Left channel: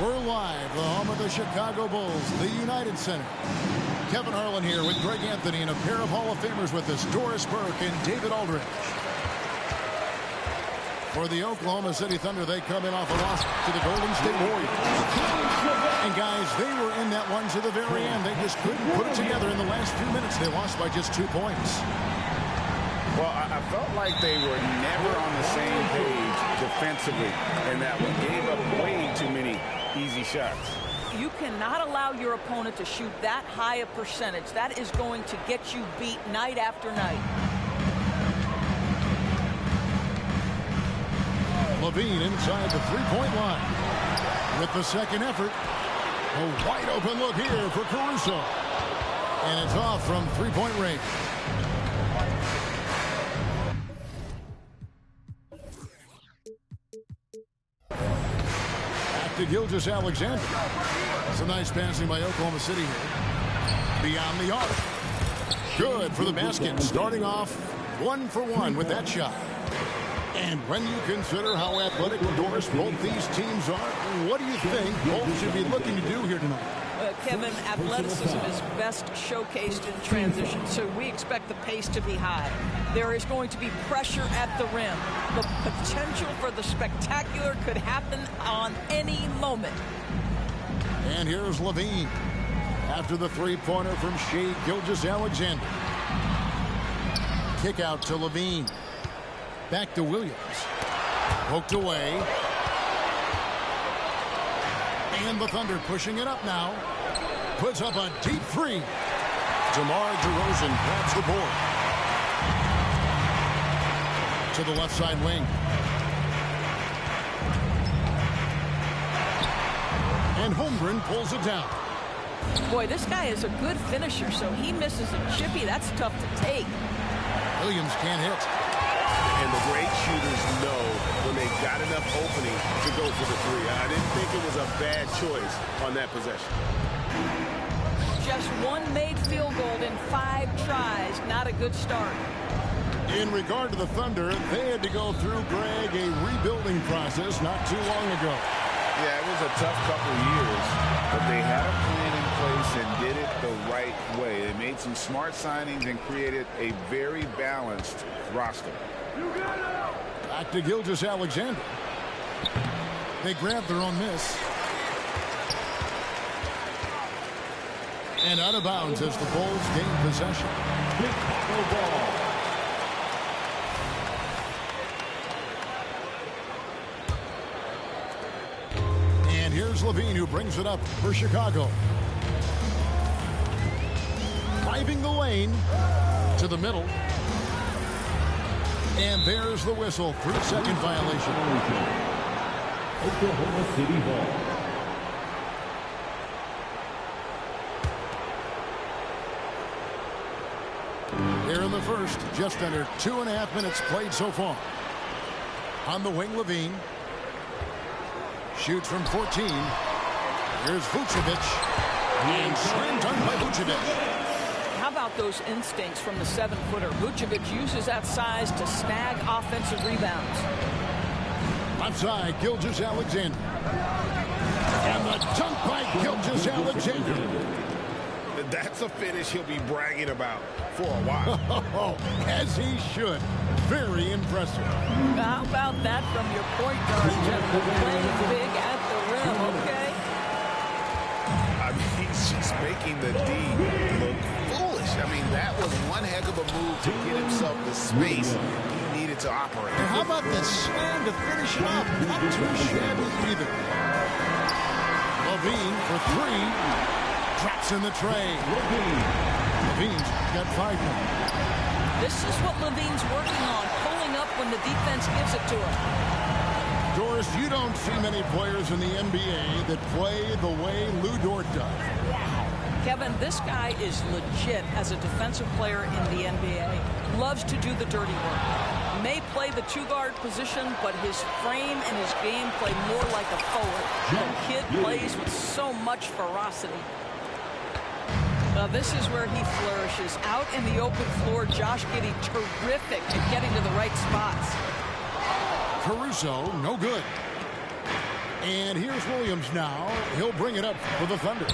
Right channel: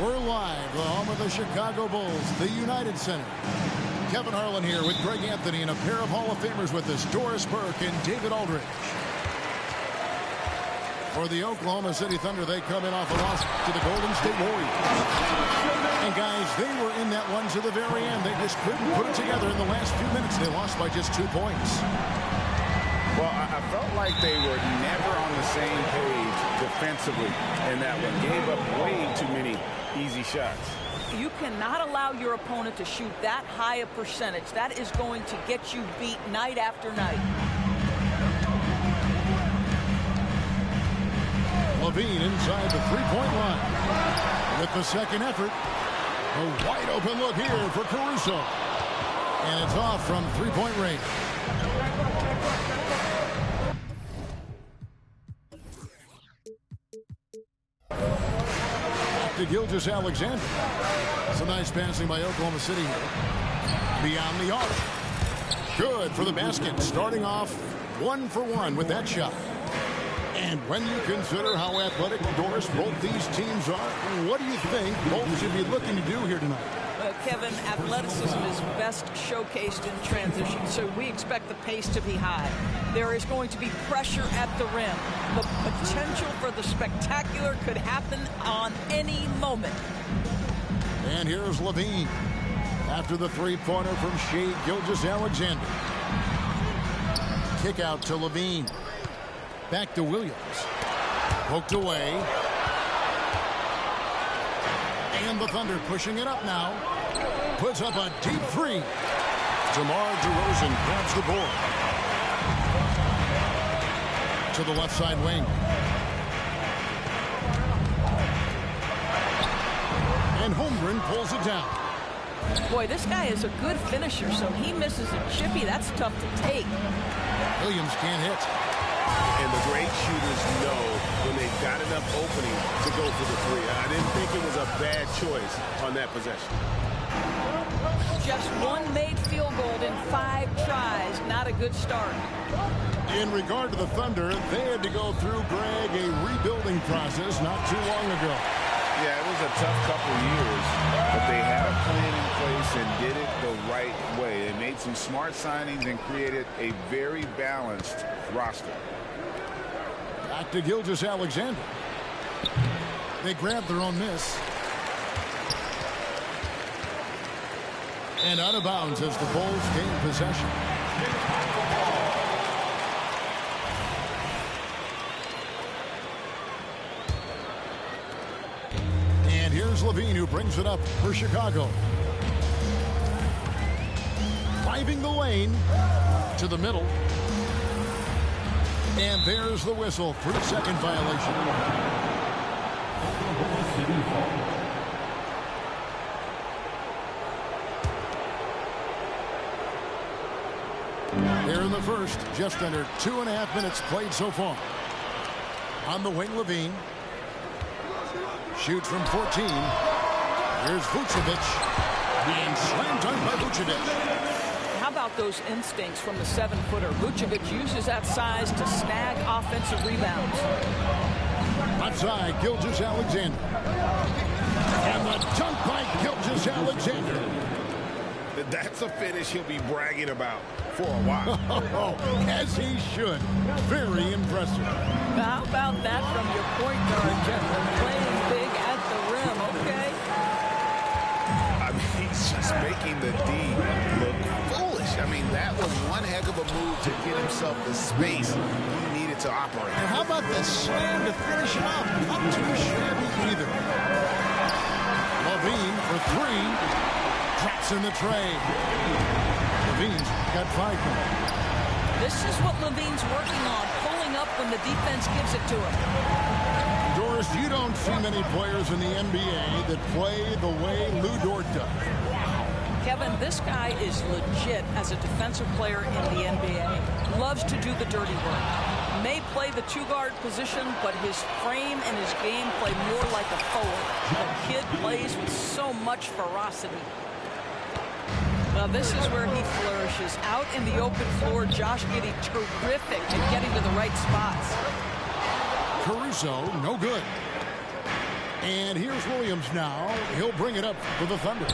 We're live, the home of the Chicago Bulls, the United Center. Kevin Harlan here with Greg Anthony and a pair of Hall of Famers with us, Doris Burke and David Aldridge. For the Oklahoma City Thunder, they come in off a loss to the Golden State Warriors. And guys, they were in that one to the very end. They just couldn't put it together in the last few minutes. They lost by just 2 points. Well, I felt like they were never on the same page defensively in that one. Gave up way too many easy shots. You cannot allow your opponent to shoot that high a percentage. That is going to get you beat night after night. Levine inside the three-point line. With the second effort, a wide open look here for Caruso. And it's off from three-point range. To Gilgeous-Alexander. Some nice passing by Oklahoma City here. Beyond the arc. Good for the basket. Starting off 1 for 1 with that shot. And when you consider how athletic, Doris, both these teams are, what do you think both should be looking to do here tonight? Kevin, athleticism is best showcased in transition, so we expect the pace to be high. There is going to be pressure at the rim. The potential for the spectacular could happen on any moment. And here's Levine after the three-pointer from Shai Gilgeous-Alexander. Kick out to Levine. Back to Williams. Poked away. And the Thunder pushing it up now. Puts up a deep three. DeMar DeRozan grabs the board. To the left side wing. And Holmgren pulls it down. Boy, this guy is a good finisher, so he misses a chippy. That's tough to take. Williams can't hit. And the great shooters know when they've got enough opening to go for the three. I didn't think it was a bad choice on that possession. Just one made field goal in 5 tries. Not a good start. In regard to the Thunder, they had to go through, Greg, a rebuilding process not too long ago. Yeah, it was a tough couple years, but they had a plan in place and did it the right way. They made some smart signings and created a very balanced roster. Back to Gilgeous-Alexander. They grab their own miss. And out of bounds as the Bulls gain possession. And here's Levine, who brings it up for Chicago. Driving the lane to the middle. And there's the whistle. 3-second violation. Oklahoma City ball. Here in the first, just under 2.5 minutes played so far. On the wing, Levine. Shoots from 14. Here's Vucevic. And slam dunk by Vucevic. How about those instincts from the 7-footer? Vucevic uses that size to snag offensive rebounds. Left side, Gilgeous-Alexander. And the dunk by Gilgeous-Alexander. That's a finish he'll be bragging about for a while. As he should. Very impressive. How about that from your point guard, Jeff? Playing big at the rim, okay? I mean, he's just making the D look foolish. I mean, that was one heck of a move to get himself the space he needed to operate. And how about the slam to finish it off? Not too shabby either. Levine for 3. Drops in the tray. Levine's got 5 now. This is what Levine's working on, pulling up when the defense gives it to him. Doris, you don't see many players in the NBA that play the way Lou Dort does. Wow. Kevin, this guy is legit as a defensive player in the NBA. Loves to do the dirty work. May play the 2-guard position, but his frame and his game play more like a forward. The kid plays with so much ferocity. Well, this is where he flourishes. Out in the open floor, Josh Giddey terrific at getting to the right spots. Caruso, no good. And here's Williams now. He'll bring it up for the Thunder.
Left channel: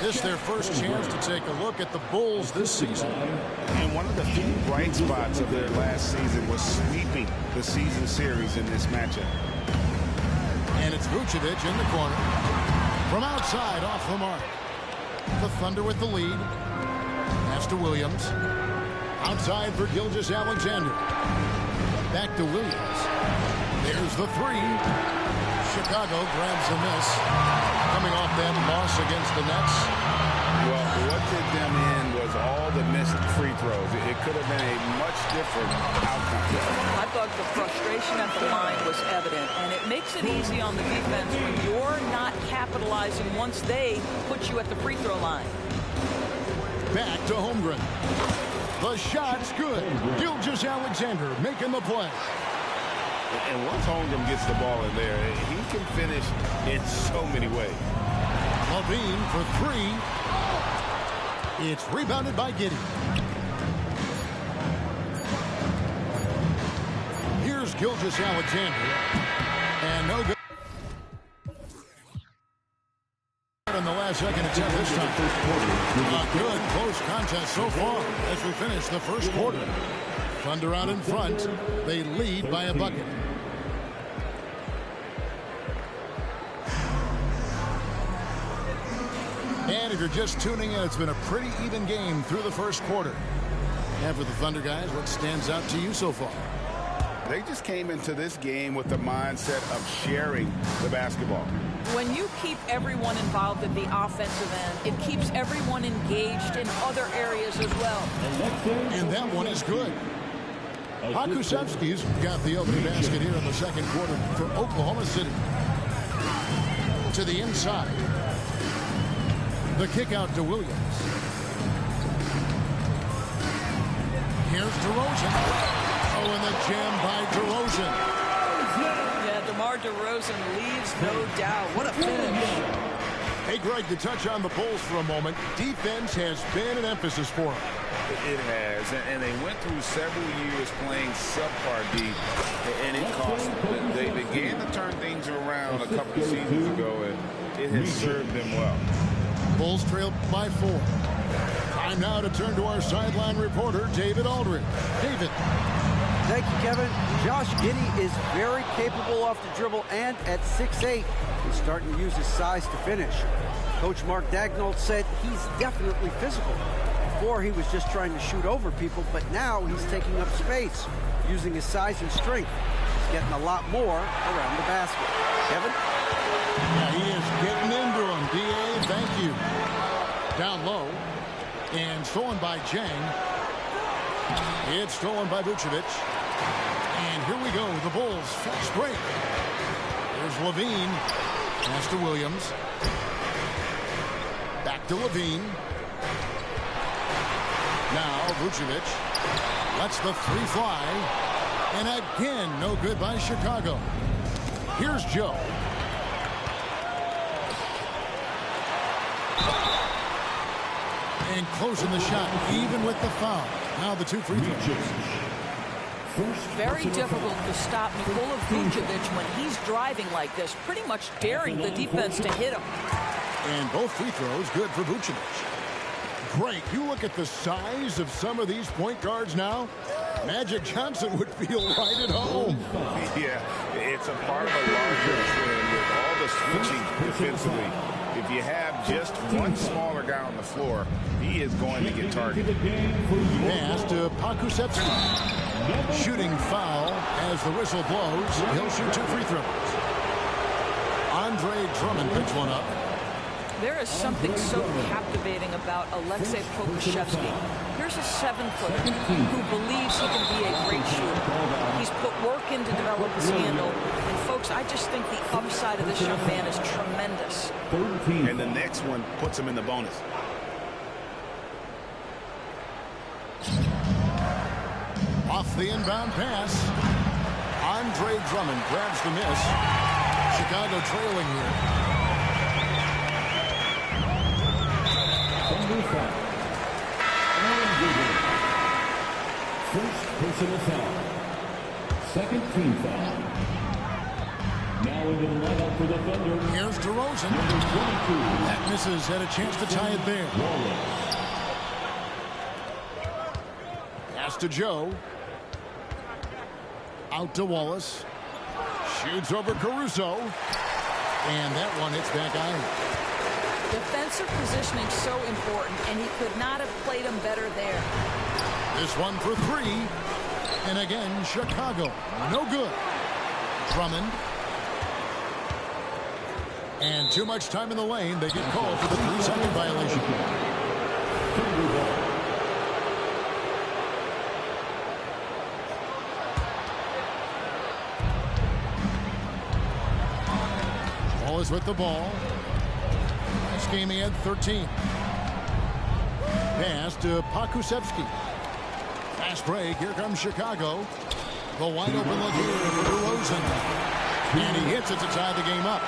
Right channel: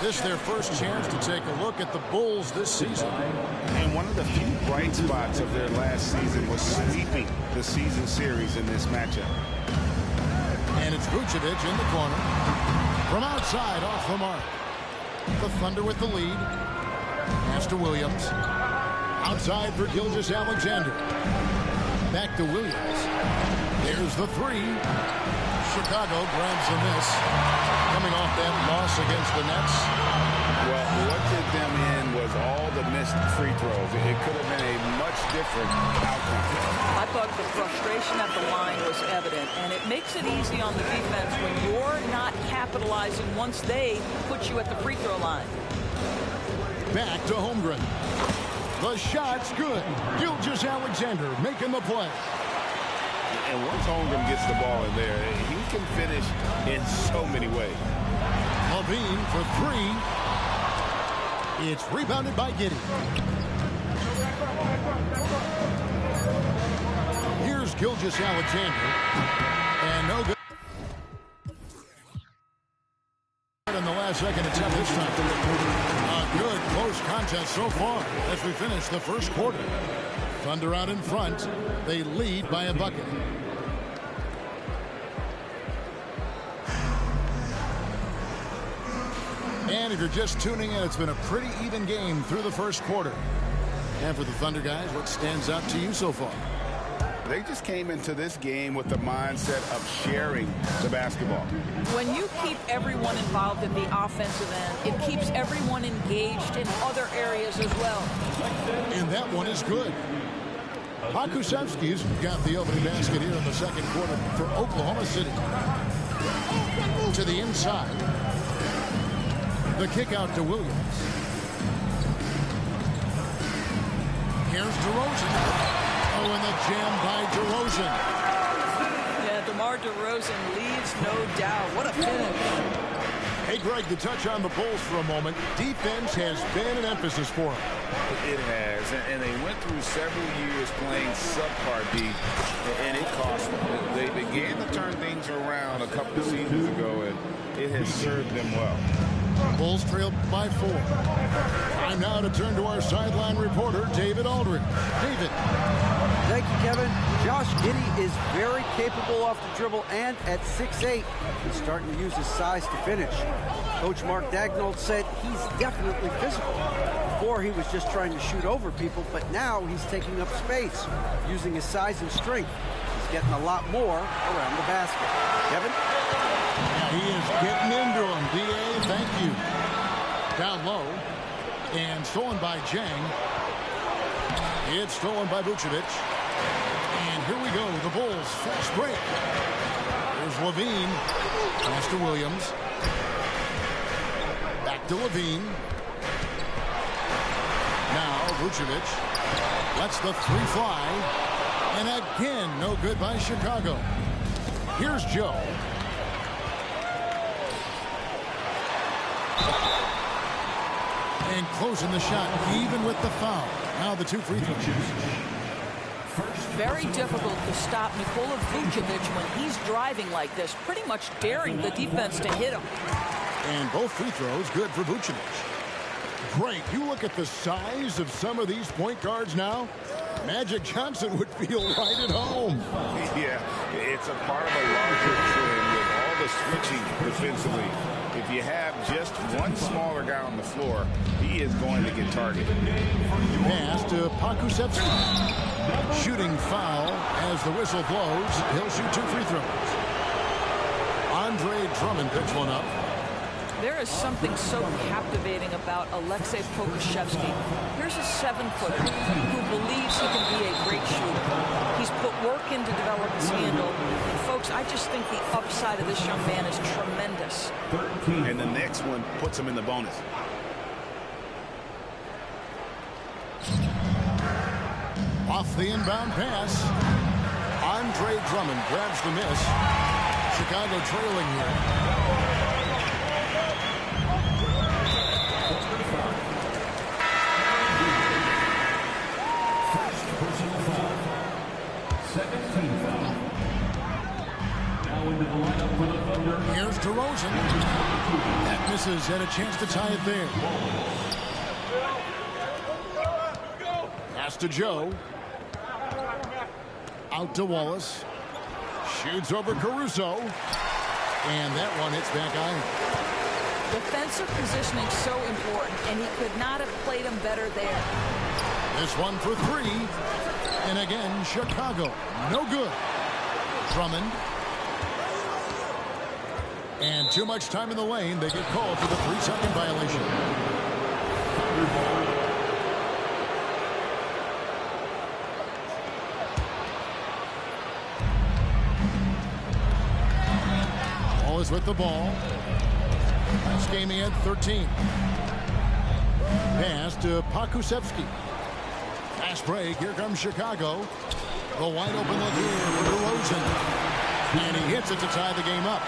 This is their first chance to take a look at the Bulls this season. And one of the few bright spots of their last season was sweeping the season series in this matchup. And it's Vucevic in the corner. From outside, off the mark. The Thunder with the lead. Pass to Williams. Outside for Gilgeous-Alexander. Back to Williams. There's the three. Chicago grabs the miss. Coming off that loss against the Nets. Well, what did them in was all the missed free throws. It could have been a much different outcome. I thought the frustration at the line was evident, and it makes it easy on the defense when you're not capitalizing once they put you at the free throw line. Back to Holmgren. The shot's good. Gilgeous-Alexander making the play. And once Holmgren gets the ball in there, he can finish in so many ways. Levine for three. It's rebounded by Giddey. Here's Gilgeous-Alexander. And no good. In the last second attempt this time. A good close contest so far as we finish the first quarter. Thunder out in front. They lead by a bucket. And if you're just tuning in, it's been a pretty even game through the first quarter. And for the Thunder guys, what stands out to you so far? They just came into this game with the mindset of sharing the basketball. When you keep everyone involved at the offensive end, it keeps everyone engaged in other areas as well. And that one is good. Pakusevski's got the opening basket here in the second quarter for Oklahoma City. To the inside. The kick out to Williams. Here's DeRozan. Oh, and the jam by DeRozan. Yeah, DeMar DeRozan leaves, no doubt. What a finish. Hey, Greg, to touch on the Bulls for a moment, defense has been an emphasis for them. It has, and they went through several years playing subpar D, and it cost them. They began to turn things around a couple of seasons ago, and it has served them well. Bulls trailed by 4. Time now to turn to our sideline reporter, David Aldridge. David. Thank you, Kevin. Josh Giddey is very capable off the dribble, and at 6'8", he's starting to use his size to finish. Coach Mark Daigneault said he's definitely physical. Before, he was just trying to shoot over people, but now he's taking up space, using his size and strength. He's getting a lot more around the basket. Kevin? Yeah, he is getting into him. D.A., thank you. Down low, and stolen by Jang. It's stolen by Vucevic. And here we go, the Bulls fast break. There's Levine. Pass to Williams. Back to Levine. Now Vucevic lets the three fly. And again, no good by Chicago. Here's Joe. And closing the shot, even with the foul. Now the two free throws. Very difficult to stop Nikola Vucevic when he's driving like this, pretty much daring the defense to hit him. And both free throws good for Vucevic. Great. You look at the size of some of these point guards now. Magic Johnson would feel right at home. Yeah, it's a part of a larger trend with all the switching defensively. If you have just one smaller guy on the floor, he is going to get targeted. Pass to Pakusevski. Shooting foul as the whistle blows. He'll shoot two free throws. Andre Drummond picks one up. There is something so captivating about Alexei Pokusevski. Here's a 7-footer who believes he can be a great shooter. He's put work in to develop his handle. And, folks, I just think the upside of this young man is tremendous. And the next one puts him in the bonus. Off the inbound pass. Andre Drummond grabs the miss. Chicago trailing here. First personal foul. Second team foul. Now Here's DeRozan. That misses. Had a chance to tie it there. Pass to Joe. Out to Wallace. Shoots over Caruso. And that one hits back iron. Defensive positioning so important, and he could not have played him better there. This one for three. And again, Chicago. No good. Drummond. And too much time in the lane. They get called for the 3-second violation. Wallace with the ball. Last game he had 13. Pass to Pakusevsky. Fast break. Here comes Chicago. The wide open look here for DeRozan. And he hits it to tie the game up.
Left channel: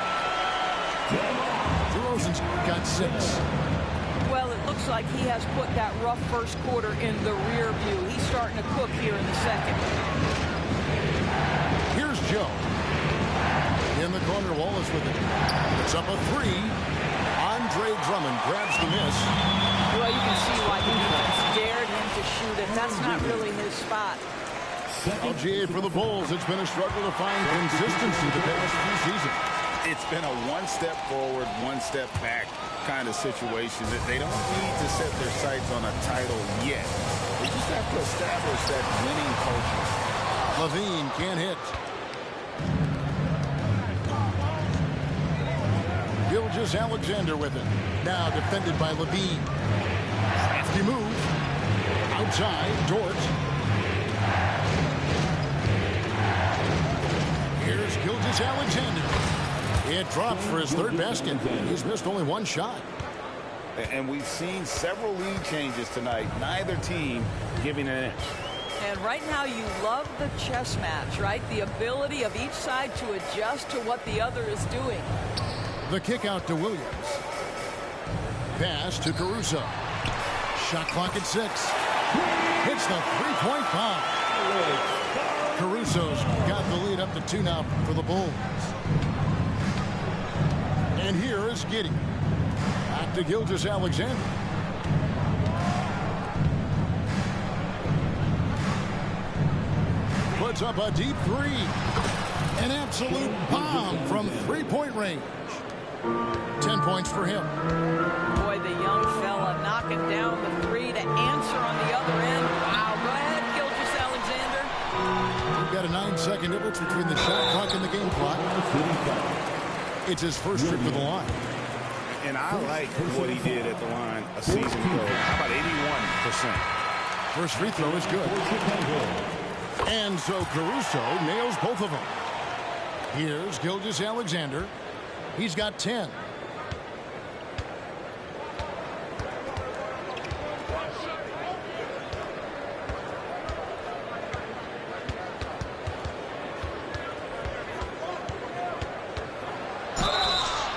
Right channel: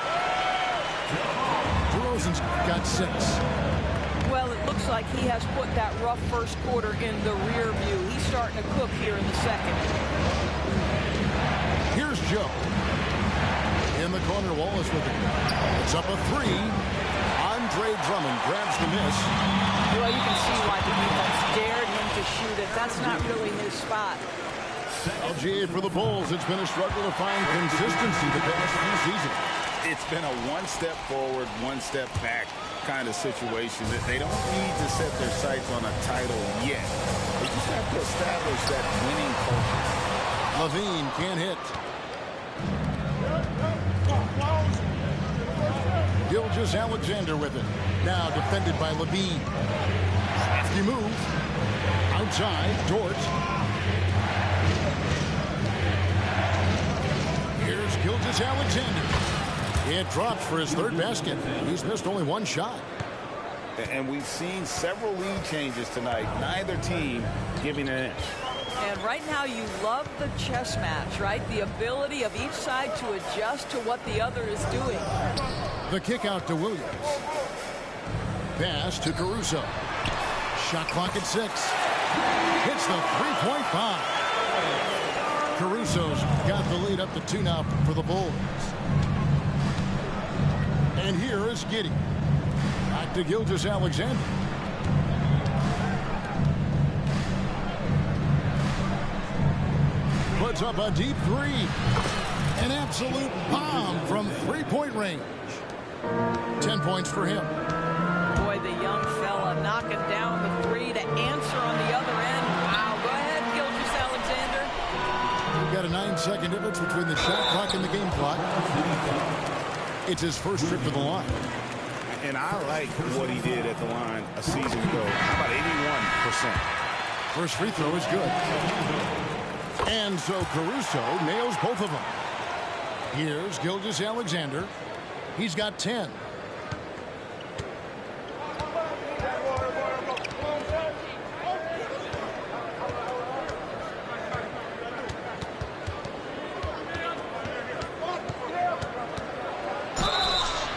DeRozan's got 6. Well, it looks like he has put that rough first quarter in the rear view. He's starting to cook here in the second. Here's Joe. In the corner, Wallace with it. It's up a 3. Andre Drummond grabs the miss. Well, you can see why the defense dared him to shoot it. That's not really his spot. LGA for the Bulls. It's been a struggle to find consistency the past few seasons. It's been a one step forward, one step back kind of situation. That they don't need to set their sights on a title yet. They just have to establish that winning culture. Levine can't hit. Gilgeous-Alexander with it. Now defended by Levine. Crafty move. Outside, Dort. Here's Gilgeous-Alexander. It drops for his 3rd basket. He's missed only 1 shot. And we've seen several lead changes tonight. Neither team giving an inch. And right now you love the chess match, right? The ability of each side to adjust to what the other is doing. The kick out to Williams. Pass to Caruso. Shot clock at 6. Hits the 3-point bomb. Caruso's got the lead up to 2 now for the Bulls. And here is Giddey. Back to Gilgeous-Alexander. Puts up a deep 3. An absolute bomb from 3-point range. 10 points for him. Boy, the young fella knocking down the 3 to answer on the other end. Wow, go ahead, Gilgeous-Alexander. We've got a 9-second difference between the shot clock and the game clock. It's his first trip to the line. And I like what he did at the line a season ago. How about 81%? First free throw is good. And so Caruso nails both of them. Here's Gilgeous-Alexander. He's got 10.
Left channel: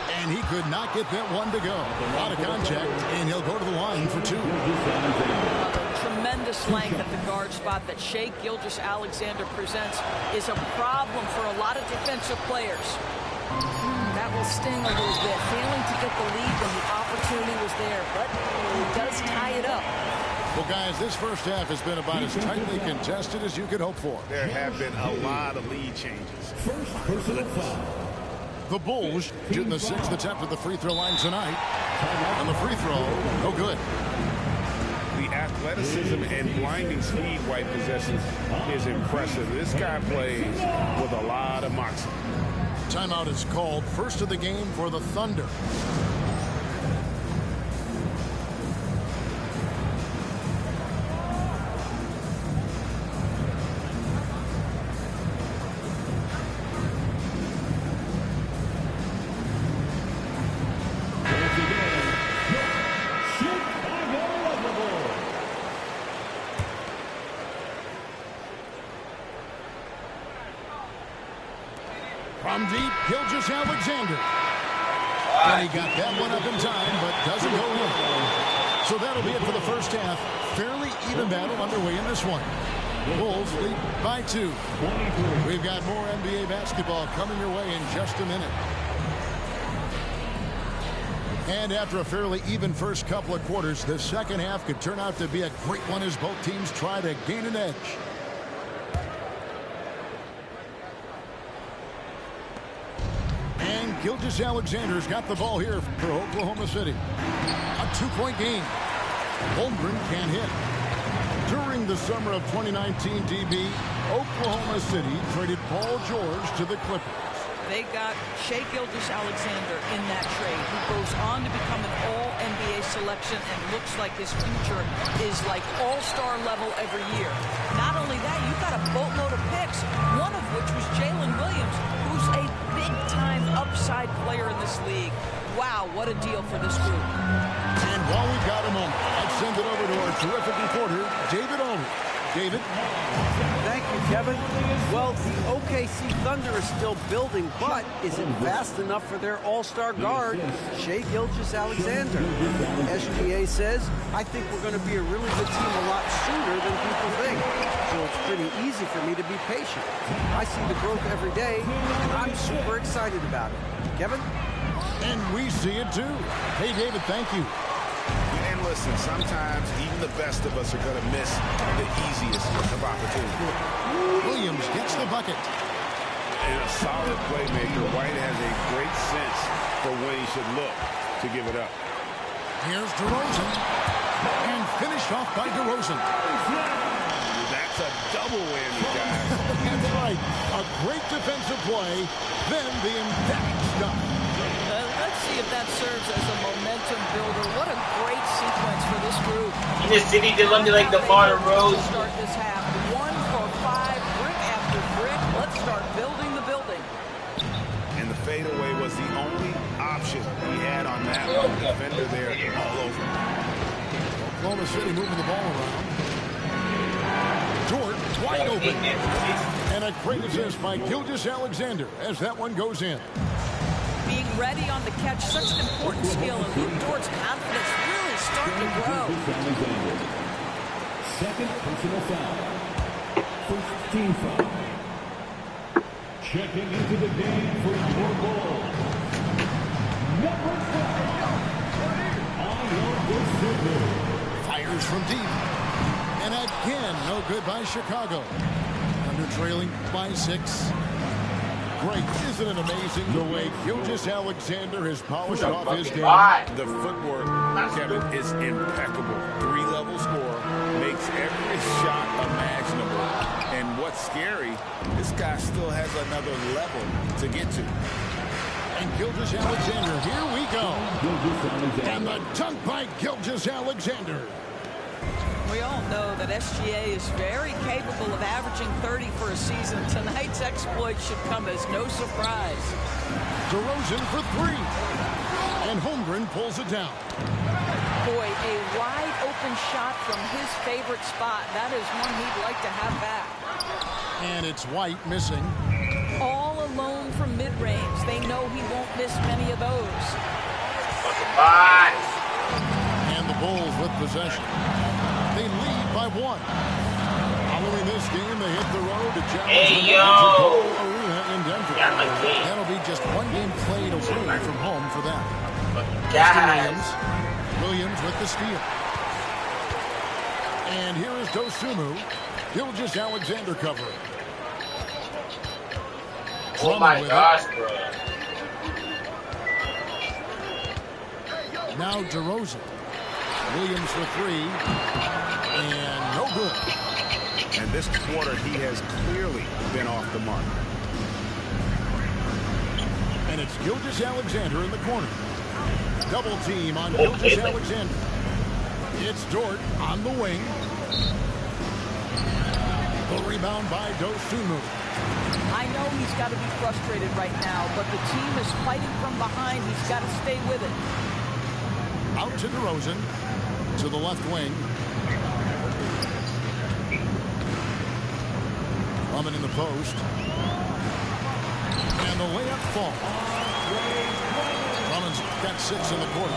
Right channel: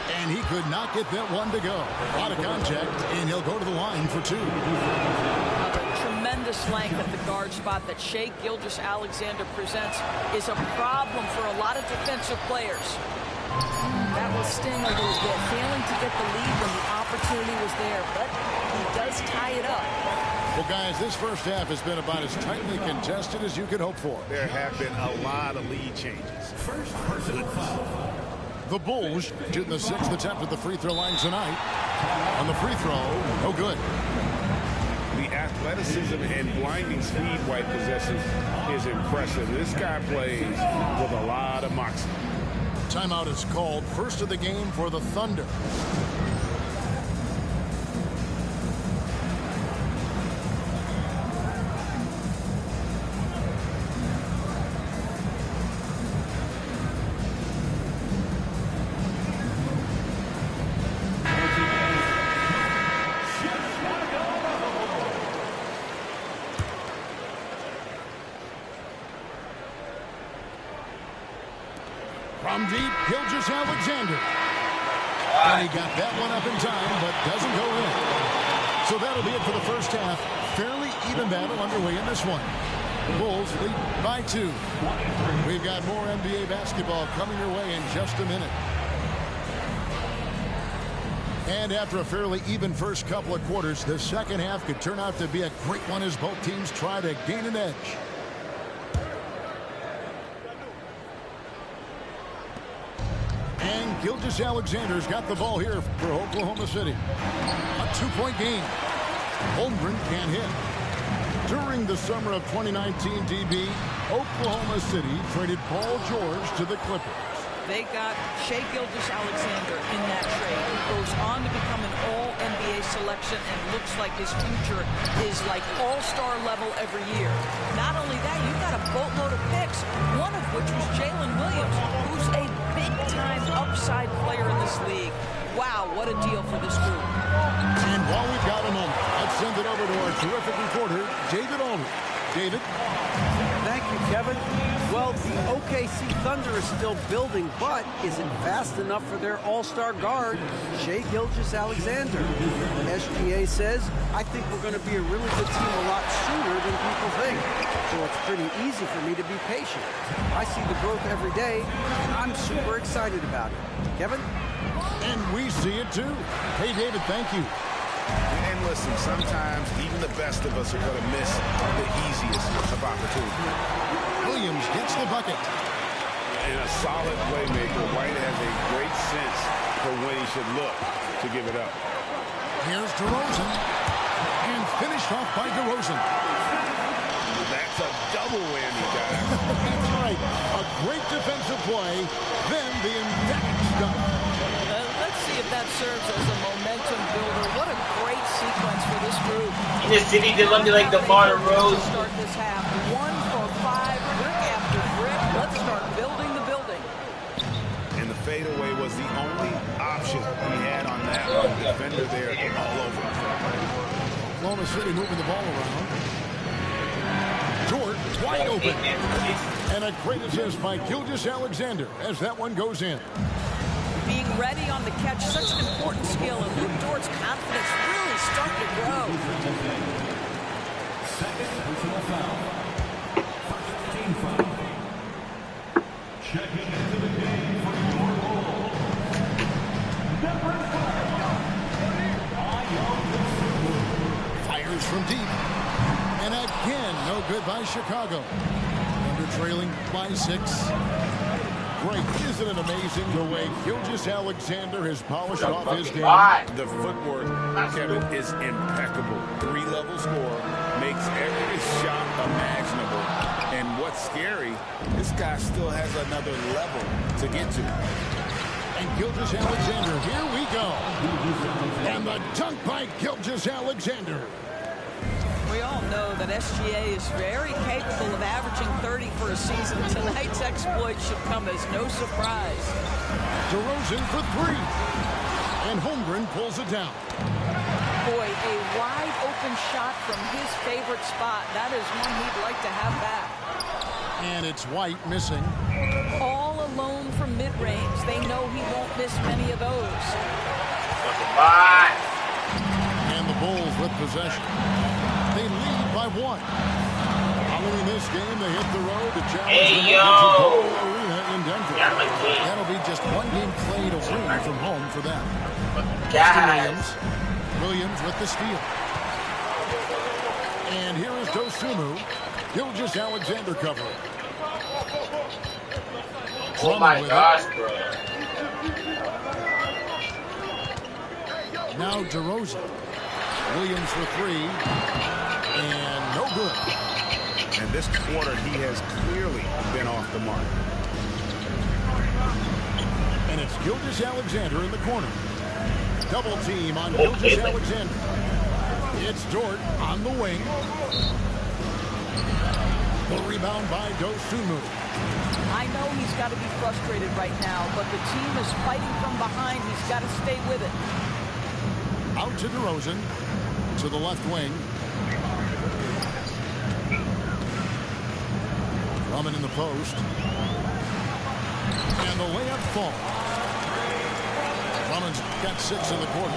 And he could not get that one to go. A lot of contact, and he'll go to the line for 2. The tremendous length at the guard spot that Shai Gilgeous-Alexander presents is a problem for a lot of defensive players. That will sting a little bit, failing to get the lead when the opportunity was there, but he does tie it up. Well, guys, this first half has been about as tightly contested as you could hope for. There have been a lot of lead changes. The Bulls shooting the 6th attempt at the free throw line tonight. On the free throw, no good. The athleticism and blinding speed White possesses is impressive. This guy plays with a lot of moxie. Timeout is called. First of the game for the Thunder. From deep, Gilgeous-Alexander. And he got that one up in time, but doesn't go in. So that'll be it for the first half. Fairly even battle underway in this one. Bulls lead by 2. We've got more NBA basketball coming your way in just a minute. And after a fairly even first couple of quarters, the second half could turn out to be a great one as both teams try to gain an edge. And Gilgeous-Alexander's got the ball here for Oklahoma City. A 2-point game. Holmgren can't hit. During the summer of 2019, DB, Oklahoma City traded Paul George to the Clippers. They got Shai Gilgeous-Alexander in that trade, who goes on to become an all-NBA selection and looks like his future is like all-star level every year. Not only that, you've got a boatload of picks, one of which was Jalen Williams, who's a big-time upside player in this league. Wow, what a deal for this group. And while we've got a moment, I'd send it over to our terrific reporter, David Aldridge. David? Thank you, Kevin. Well, the OKC Thunder is still building, but is it fast enough for their all-star guard, Shai Gilgeous-Alexander? SGA says, I think we're going to be a really good team a lot sooner than people think. So it's pretty easy for me to be patient. I see the growth every day, and I'm super excited about it. Kevin? And we see it too. Hey, David, thank you. And listen, sometimes even the best of us are going to miss the easiest of opportunities. Williams gets the bucket. And a solid playmaker, White has a great sense for when he should look to give it up. Here's DeRozan. And finished off by DeRozan. That's a double whammy, guys. That's right. A great defensive play, then the emphatic stuff. Let's see if that serves as a momentum builder. What a great sequence for this group. In the city, they love me like the Martin Rose. Start this half 1 for 5, brick after brick. Let's start building the building. And the fadeaway was the only option he had on that one. Defender there all over. Oklahoma City moving the ball around. Dort wide open. And a great assist by Gilgeous-Alexander as that one goes in. Being ready on the catch, such an important skill, and Luke Dort's confidence really starting to grow. Second personal foul. First team foul. Checking into the game for your ball. Number 5. Fires from deep. And again, no good by Chicago. Under trailing by 6. Great. Isn't it amazing the way Gilgeous-Alexander has polished off his game? The footwork, Kevin, is impeccable. 3-level score, makes every shot imaginable. And what's scary, this guy still has another level to get to. And Gilgeous-Alexander, here we go. And the dunk by Gilgeous-Alexander. We all know that SGA is very capable of averaging 30 for a season. Tonight's exploit should come as no surprise. DeRozan for 3. And Holmgren pulls it down. Boy, a wide open shot from his favorite spot. That is one he'd like to have back. And it's White missing. All alone from mid-range. They know he won't miss many of those. And the Bulls with possession. They lead by 1. Following this game, they hit the road to challenge the Nuggets at Ball Arena in Denver. That'll be just one game played away from home for them. Williams with the steal. And here is Dosunmu. Gilgeous-Alexander covering. Oh my gosh, bro. Now DeRozan. Williams for 3. And no good. And this quarter, he has clearly been off the mark. And it's Gilgeous-Alexander in the corner. Double team on Gilgeous-Alexander. It's Dort on the wing. The rebound by Dosunmu. I know he's got to be frustrated right now, but the team is fighting from behind. He's got to stay with it. Out to DeRozan. To the left wing. Drummond in the post. And the layup falls. Drummond's got 6 in the quarter.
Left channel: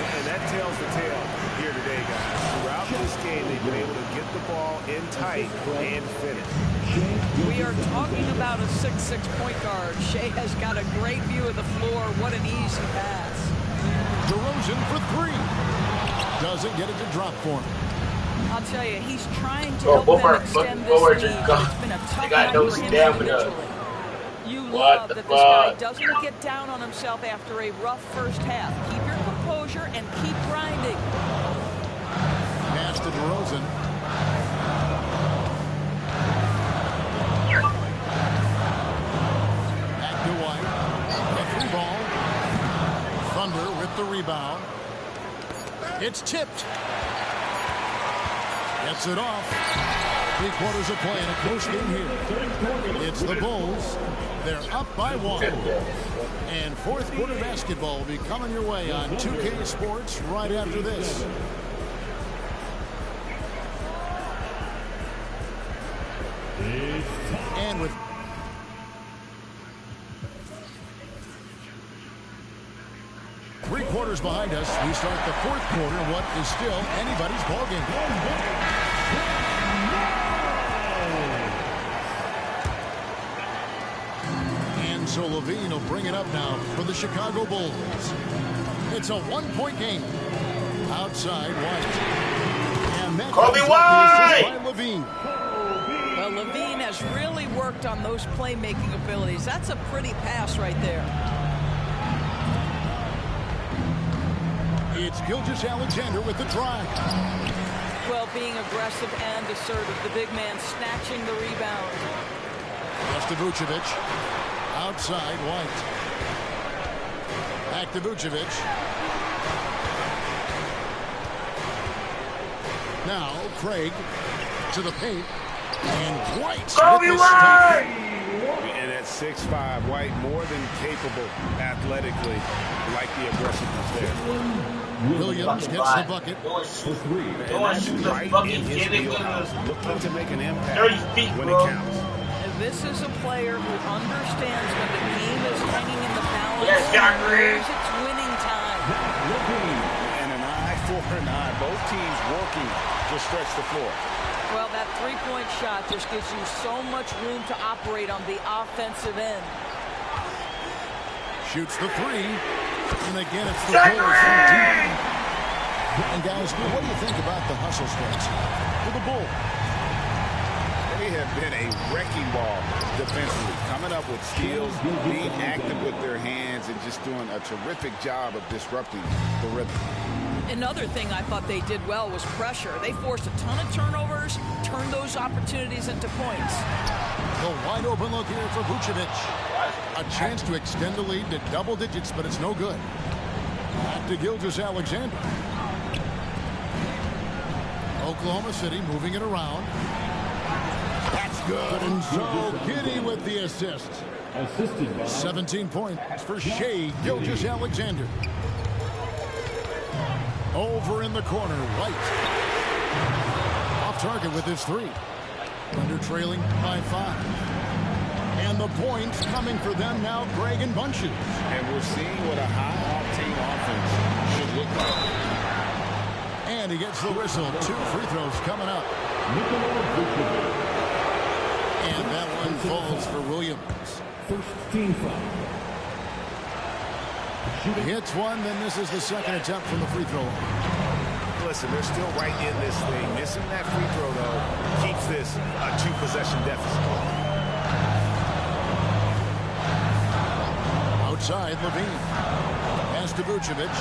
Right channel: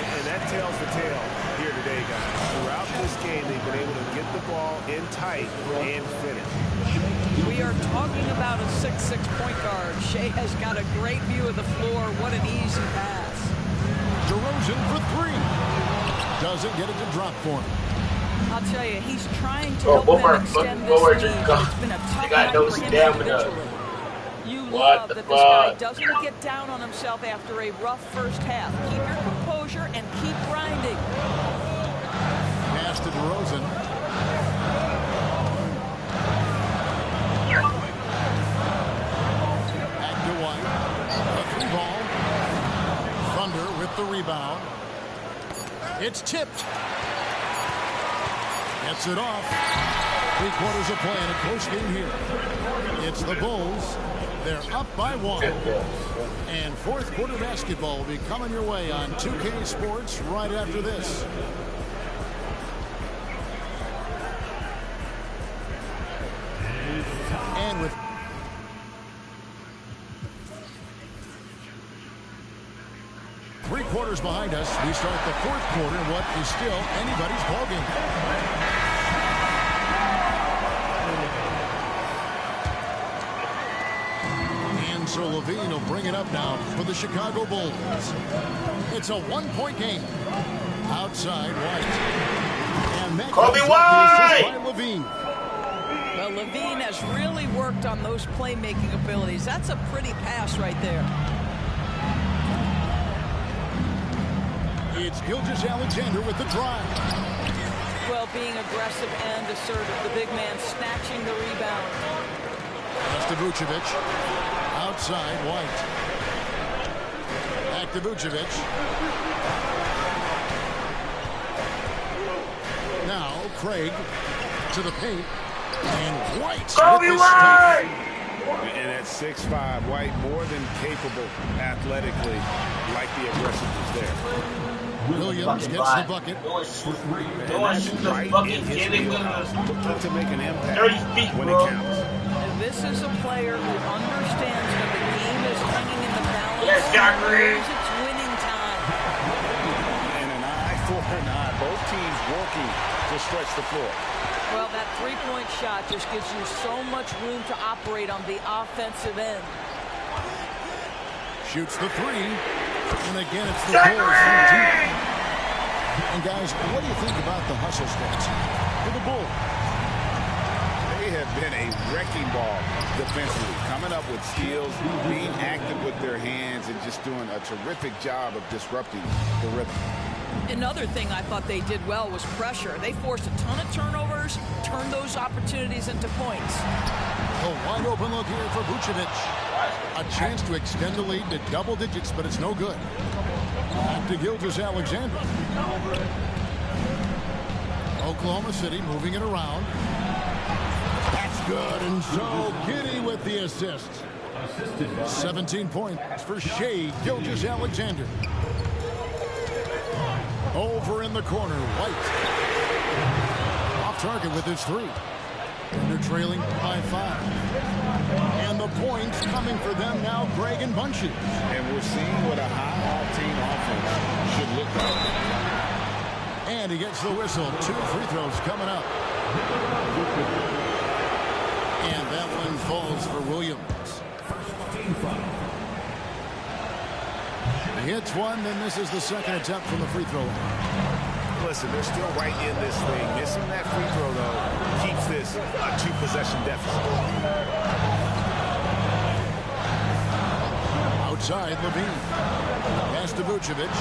And that tells the tale here today, guys. Throughout this game, they've been able to get the ball in tight and finish. We are talking about a 6'6" point guard. Shea has got a great view of the floor. What an easy pass. DeRozan for three. Doesn't get it to drop for him. I'll tell you, he's trying to help them extend this lead, but it's been a tough night for him individually. You love that this guy doesn't get down on himself after a rough first half. Keep your composure and keep grinding. Pass to DeRozan. Back to White. A three ball. Thunder with the rebound. It's tipped. Gets it off. 3/4 of play in a close game here. It's the Bulls. They're up by one. And fourth quarter basketball will be coming your way on 2K Sports right after this. And with three quarters behind us, we start the fourth quarter in what is still anybody's ballgame. And so Levine will bring it up now for the Chicago Bulls. It's a one-point game. Outside White. And that Kobe White! by Levine. Well, Levine has really worked on those playmaking abilities. That's a pretty pass right there. It's Gilgeous-Alexander with the drive. Well, being aggressive and assertive. The big man snatching the rebound. Pass to Vucevic. Outside White. Back to Vucevic. Now Craig to the paint. And White. Kobe White! And at 6'5", White more than capable athletically, like the aggressiveness there. Williams gets the bucket. And that's right in his wheelhouse, looking to make an impact 30 feet, when bro. it counts. And this is a player who understands when the game is hanging in the balance. Yes, Zachary. It's winning time. And an eye for an eye. Both teams working to stretch the floor. Well, that three-point shot just gives you so much room to operate on the offensive end. Shoots the three. And again, it's the Bulls from deep. And guys, what do you think about the hustle stats for the Bulls? They have been a wrecking ball defensively, coming up with steals, being active with their hands, and just doing a terrific job of disrupting the rhythm. Another thing I thought they did well was pressure. They forced a ton of turnovers, turned those opportunities into points. The wide open look here for Vucevic. A chance to extend the lead to double digits, but it's no good. Back to Gilgeous-Alexander. Oklahoma City moving it around. That's good, and so Giddey with the assist. 17 points for Shea Gilgeous-Alexander. Over in the corner, White. Off target with his three. Thunder trailing by 5. And the points coming for them now, Greg in bunches. And we're seeing what a high-octane offense should look like. And he gets the whistle. 2 free throws coming up. And that one falls for Williams. First team foul. He hits one, then misses the second attempt from the free throw line. Listen, they're still right in this thing. Missing that free throw, though, keeps this a 2-possession deficit. Outside, Levine. Pass to Vucevic.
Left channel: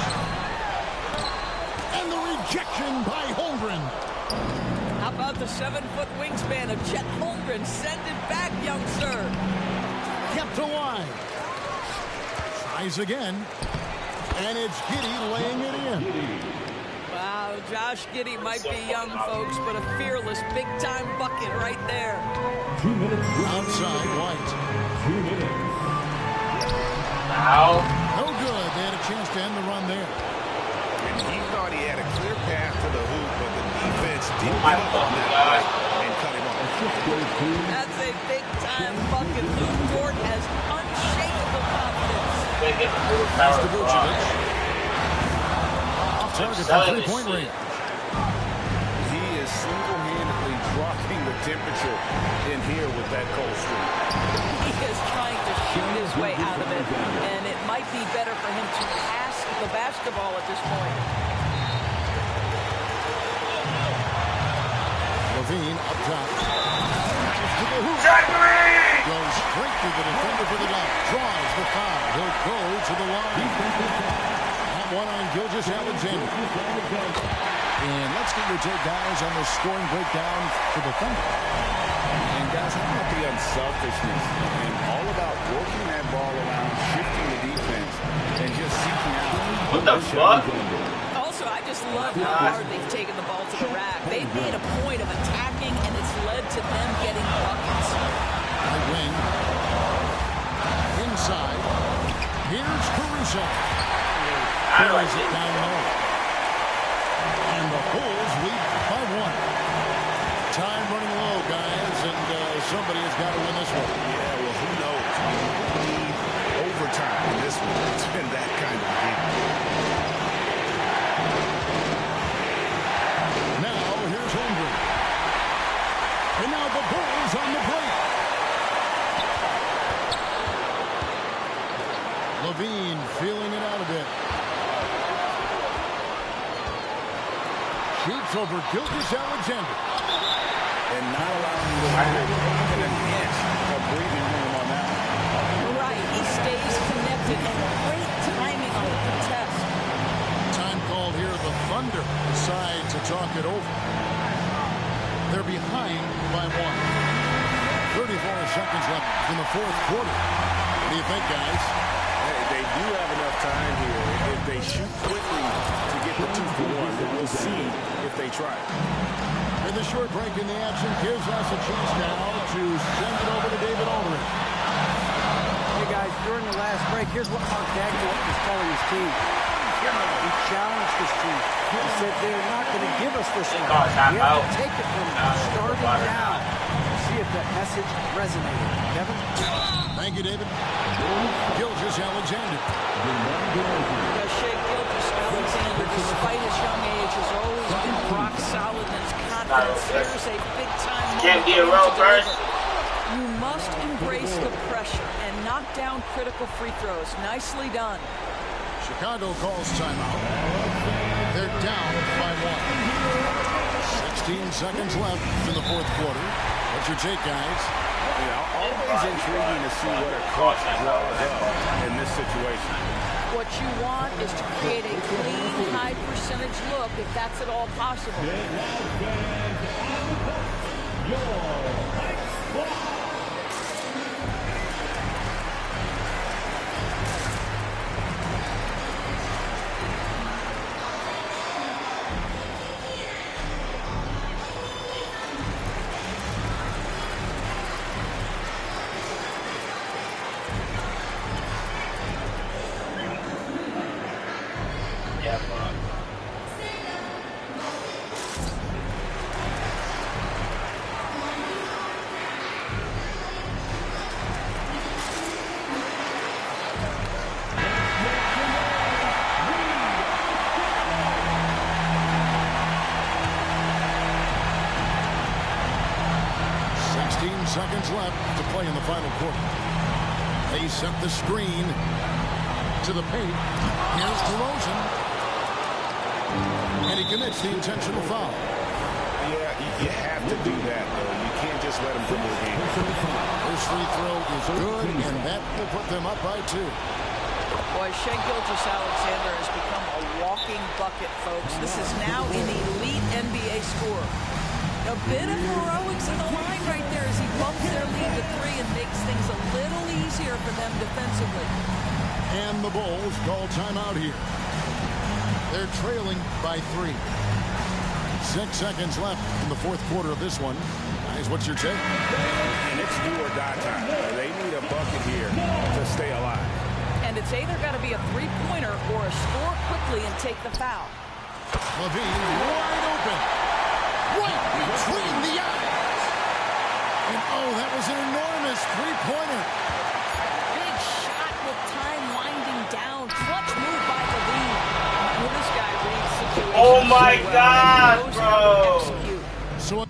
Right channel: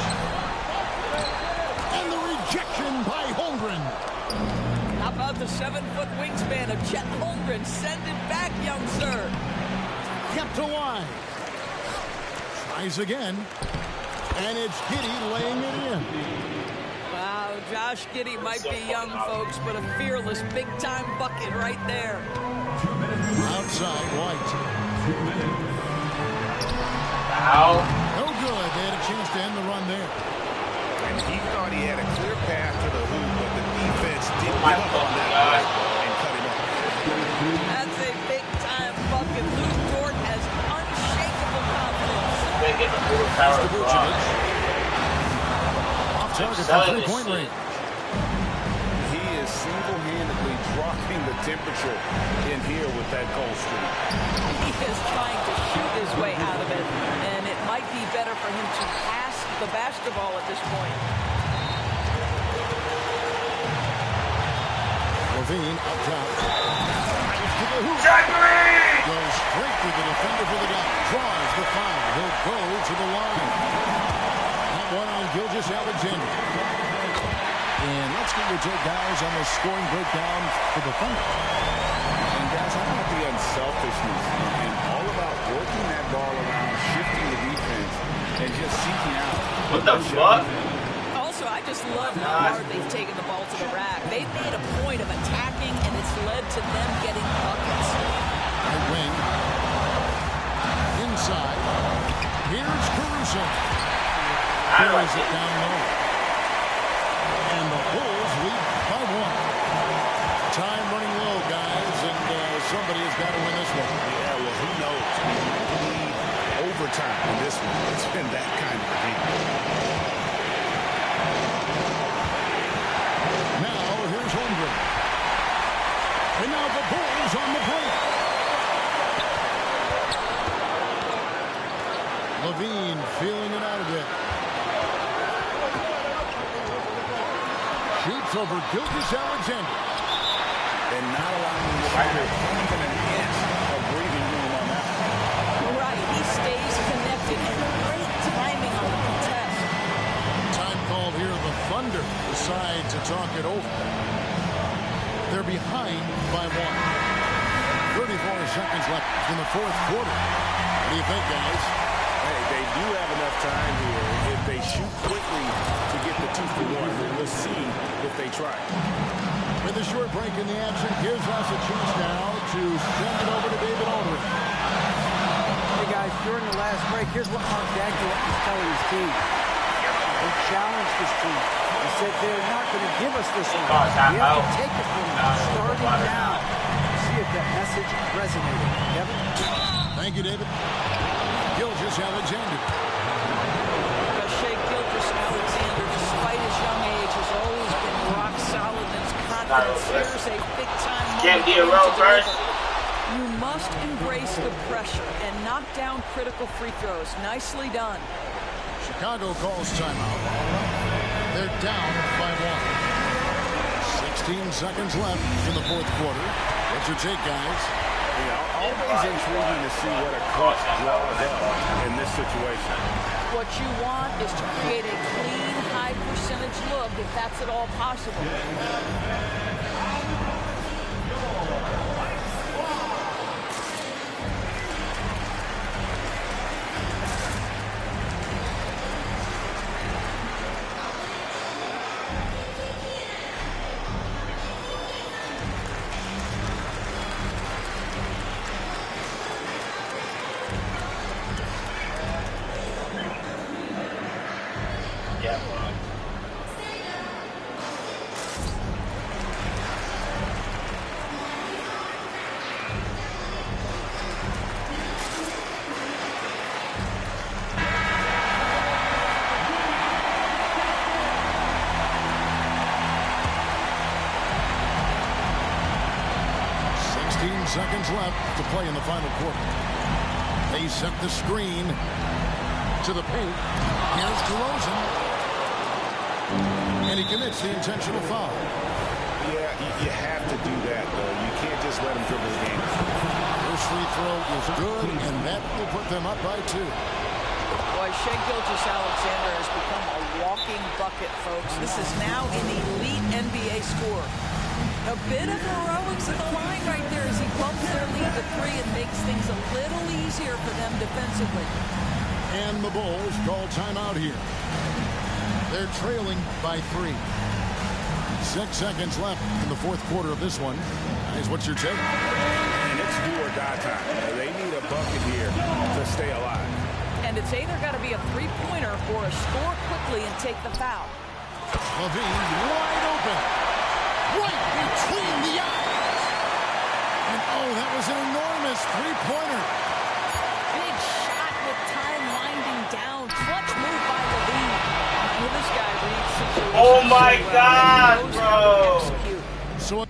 And the rejection by Holmgren. How about the 7-foot wingspan of Chet Holmgren? Send it back, young sir. Kept alive. Tries again. And it's Giddey laying it in. Wow, Josh Giddey might be young, folks, but a fearless big-time bucket right there. 2 minutes. Outside, White. 2 minutes. Foul. No good. They had a chance to end the run there. And he thought he had a clear path to the hoop, but the defense didn't give up on that play and cut him off. That's a big-time bucket. Luke Dort has unshakable confidence. They get the full Pass power to of Vucevic. target from three-point range. He is single-handedly dropping the temperature in here with that cold streak. He is trying to shoot his way out of it, and it might be better for him to pass the basketball at this point. Levine up top. To the hoop. Goes straight through the defender for the dunk. Draws the foul. He'll go to the line. That one on Gilgeous-Alexander. And let's get your take, guys, on the scoring breakdown for the Thunder. And, guys, how about the unselfishness and all about working that ball around, shifting the defense, and just seeking out. What the fuck? Also, I just love how hard they've taken the ball to the rack. They've made a point of attacking, and it's led to them getting buckets. Right wing. Inside. Here's Caruso. Carries it down low. And the Bulls lead by one. Time running low, guys, and somebody has got to win this one. Yeah, well, who knows? We might need overtime in this one. It's been that kind of a game. Now, here's Holmgren. And now the Bulls on the break. Levine feeling it out a bit. Shoots over Gilgeous-Alexander. And not allowing them even an inch of breathing room on that one. Right, he stays connected, and great timing on the contest. Time called here. The Thunder decide to talk it over. They're behind by one. 34 seconds left in the fourth quarter. What do you think, guys? Hey, they do have enough time here if they shoot quickly to get the 2 for 1. But we'll see if they try. With a short break in the action, gives us a chance now to send it over to David Aldridge. Hey, guys, during the last break, here's what Mark Daigneault is telling his team. He challenged his team. He said they're not going to give us this one. We have to take it from them, starting now. See if that message resonated. Kevin? Thank you, David. Gilgeous-Alexander. Shai Gilgeous-Alexander, despite his young age, has always been rock solid in his confidence. Here's a big-time moment for him to deliver. You must embrace the pressure and knock down critical free throws. Nicely done. Chicago calls timeout. They're down by one. 16 seconds left in the fourth quarter. What's your take, guys? You know, always intriguing to see what a coach draws up in this situation. What you want is to create a clean, high-percentage look, if that's at all possible. Yeah, bro. 16 seconds left to play in the final quarter. They sent the screen to the paint. Here's DeRozan. And he commits the intentional foul. Yeah, you have to do that, though. You can't just let him dribble the game. First free throw is good, and that will put them up by 2. Boy, Shai Gilgeous-Alexander has become a walking bucket, folks. This is now an elite NBA scorer. A bit of heroics in the line right there as he bumps their lead to 3 and makes things a little easier for them defensively. And the Bulls call timeout here. They're trailing by 3. 6 seconds left in the fourth quarter of this one. Guys, what's your take? And it's do or die time. They need a bucket here to stay alive. And it's either got to be a three-pointer or a score quickly and take the foul. Levine wide open. Right between the eyes. And oh, that was an enormous three-pointer. Big shot with time winding down. Clutch move by Levine. Well, this guy reads situations Oh my so well, God, and he knows how to bro. execute. So